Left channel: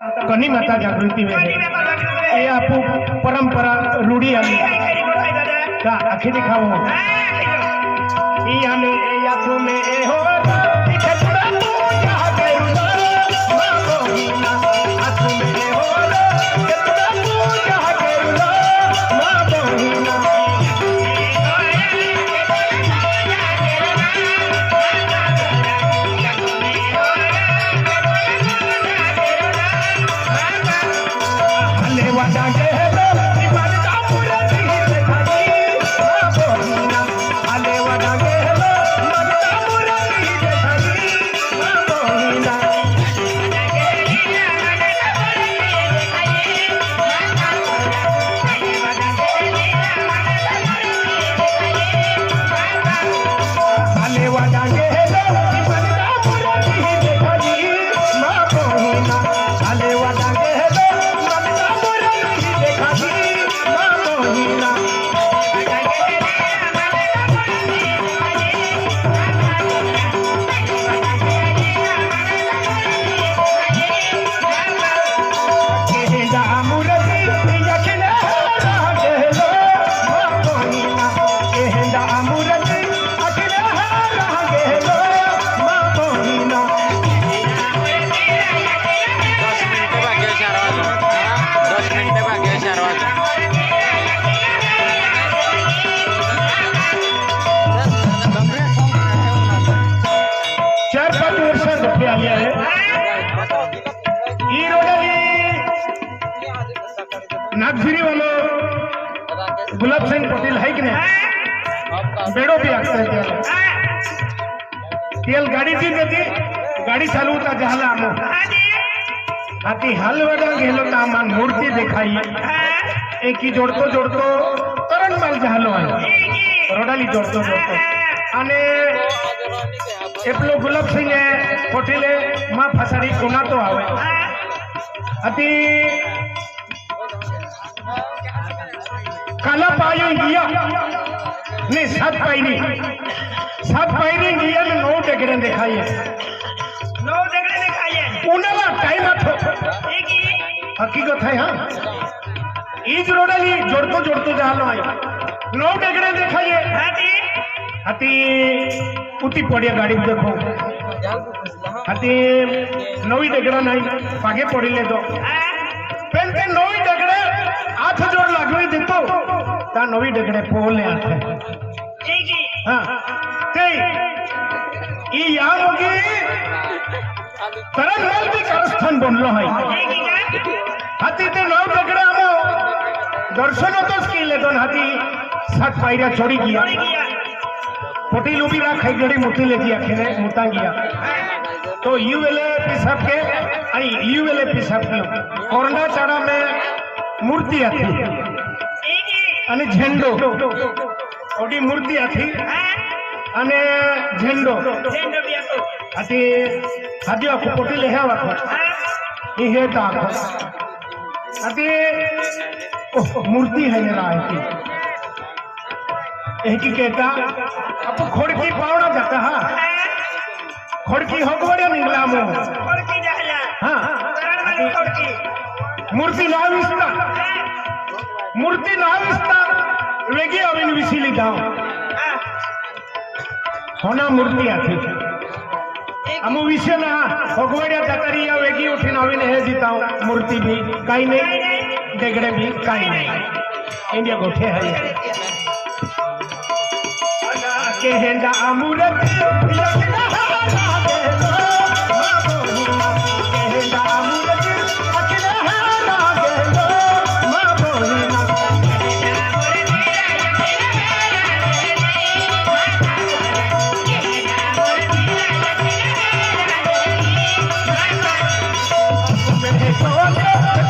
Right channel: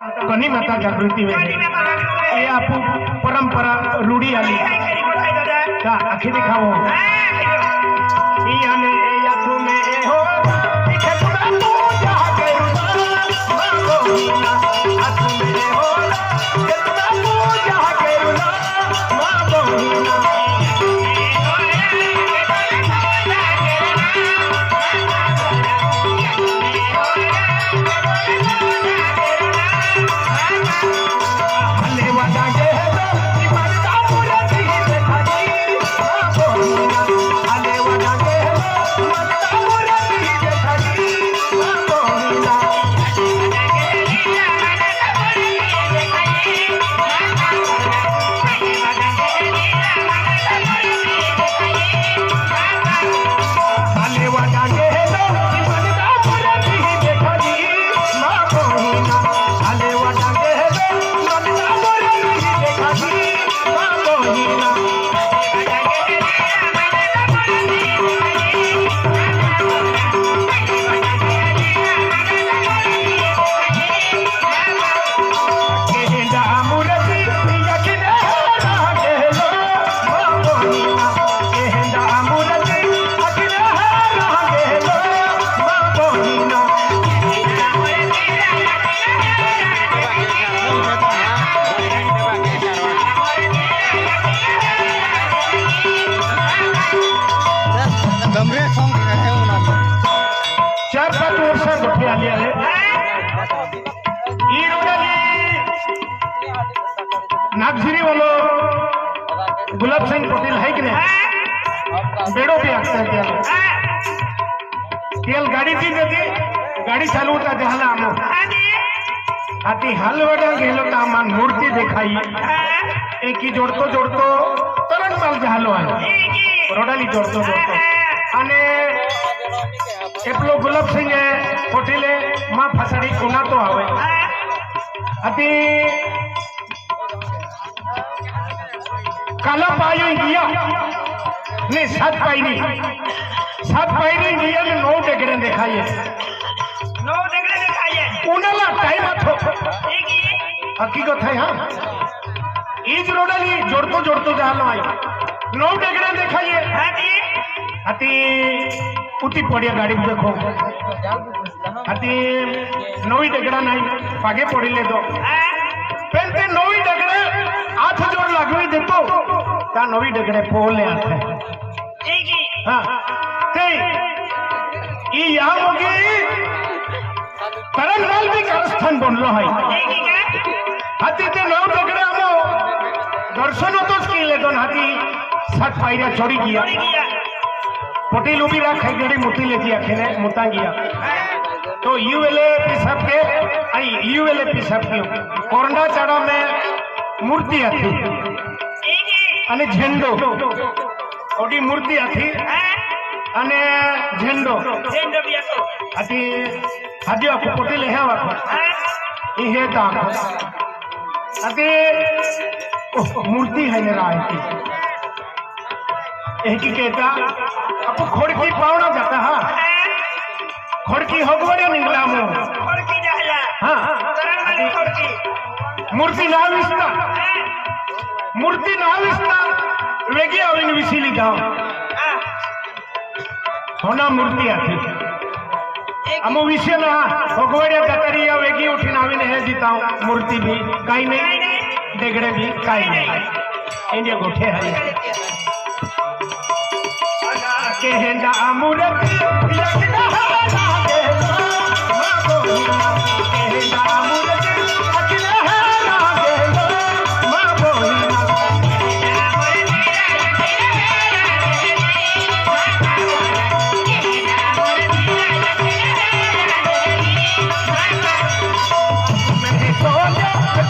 कनी माता जागृति वेगे ये आपू परंपरा रूढ़ी आली का आखिर दिखाओ ई हमें ए यात्रो में ए हो दिखे पूरा पूजा करूँ माँ आँखों में ए हो दिखे पूरा पूजा करूँ माँ बोहिना नागझिरी वालों गुलाब सिंह पटेल है कि नहीं बेड़ो भी आते हैं तेल गाड़ी थी देती गाड़ी चालू होता जहाला आमो आती हाल वड़ा गेलो कामान मूर्ति दिखाई एक ही जोड़तो जोड़तो करण माल जहालो आयो रोडाली जोड़तो जोड़तो अने एपलो गुलाब सिंह पटेले मां फसाड़ी कोना तो आवे आती काला पायो गया ने सात पाई नहीं गया ने नौ डेगड़े दिखाइए उनला टाइम आथो हकीकत है हाँ इज रोडाली जोड़तो जोड़तो जहां आयो नौ डेगड़े दिखाइए अति उठी पड़िया गाड़ी में देखो अति नवी डेगड़ा नहीं पागे पड़िले तो पेंटे नवी डेगड़े आठ जोर लगवी देतो ता नवी डेगड़े पोले आथे हाँ ते ई यहाँ होगी करण माल भी कारस्थान बन रहा है हाथी ते नौ डेगड़े हमो दर्शन तो स्किले दोन हाथी सात पायरा चढ़ी गया पटेल उभी रा खाई गड़ी मोटी लेती आखेने मोटा गया तो यूएलए पिसाब के आई यूएलए पिसाब के कोरंडा चाड़ा में मूर्ति आती अने झंडो ओडी मूर्ति आती अने झंडो आती हाजी आपको पटेल है वाको ये ता आती मूर्ति है मेरा आती एक ही कहता आपको खोड़की पावना जाता हाँ खोड़की होगवड़े निकला मो खोड़की जाया हाँ मूर्ति ना विस्ता वेगी अविन विसिली जाओ होना मूर्ति आती अमो विषय ना होगवड़े जाकरी या वेगी उठी नवीन है जीताओ मूर्ति भी काई नहीं डेगड़े भी काई नहीं इंडिया गोठे है केहेंदा अमूरती लगना लागे लो मां बोहिना केहेंदा अमूरती लगना लागे लो मां बोहिना मेरे सोना